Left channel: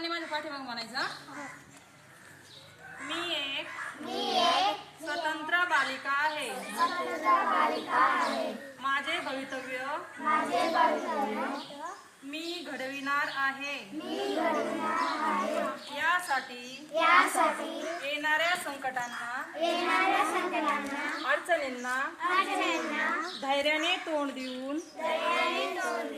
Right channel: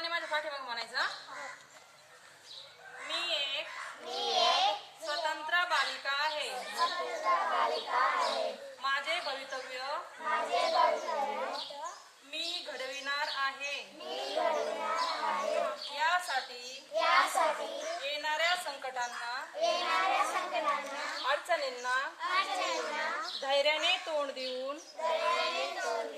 सर्वांनी माझ्या पाठीमाग म्हणायचा मी एक मी एक स्वतंत्र बालिका आहे. स्वतंत्र बालिका आहे. माझे भवितव्य माझे भवितव्य मी घडविणार आहे. मी घडविणार आहे. यासाठी यासाठी येणाऱ्या संकटांना येणाऱ्या संकटांना अडचणींना अडचणींना धैर्याने तोंड देऊन दयाने तोंड देऊन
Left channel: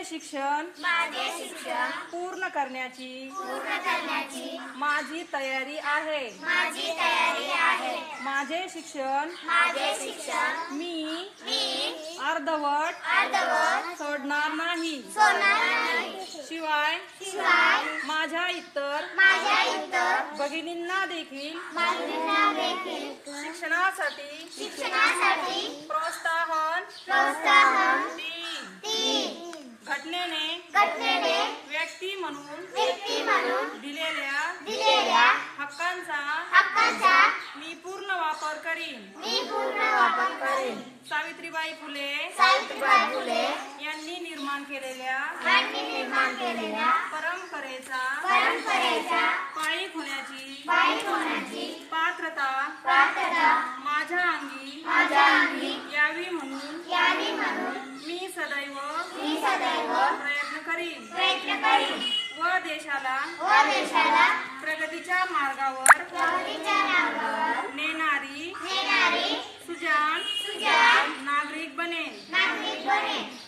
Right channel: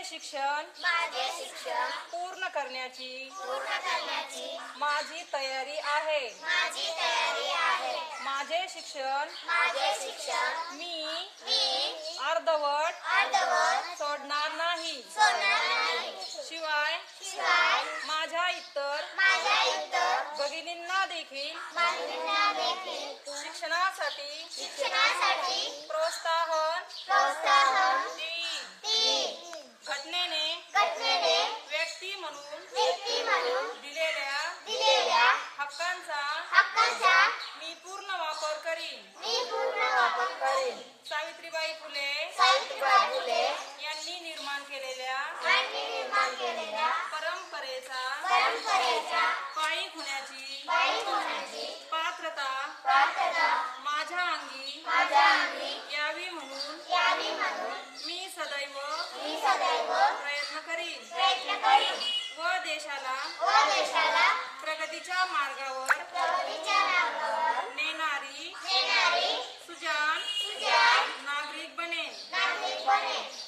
माझे शिक्षण माझे शिक्षण पूर्ण करण्याची पूर्ण करण्याची माझी तयारी आहे. माझी तयारी आहे. माझे शिक्षण माझे शिक्षण मी मी अर्धवट अर्धवट सोडणार नाही. सोडणार नाही. शिवाय शिवाय माझ्या इतर माझ्या इतर भगिनींना देखील माहितींना देखील शिक्षणासाठी शिक्षणासाठी प्रोत्साहन प्रोत्साहन हक्कांचा हक्काचा मी पूर्ण वापर करीन. मी पूर्ण वापर करेन. सावित्रीबाई फुले सावित्रीबाई फुले यांनी निर्माण केलेल्या यांनी निर्माण केलेल्या परंपरेचा परंपरेच्या पायी होण्याची पायी होण्याची पात्रता प्रार्थना माझ्या अंगी माझ्या अंगी यावी म्हणून यावी म्हणून मी सदैव मी सदैव प्रयत्न करीन. प्रयत्न करीन. व देशाला व देशाला morning.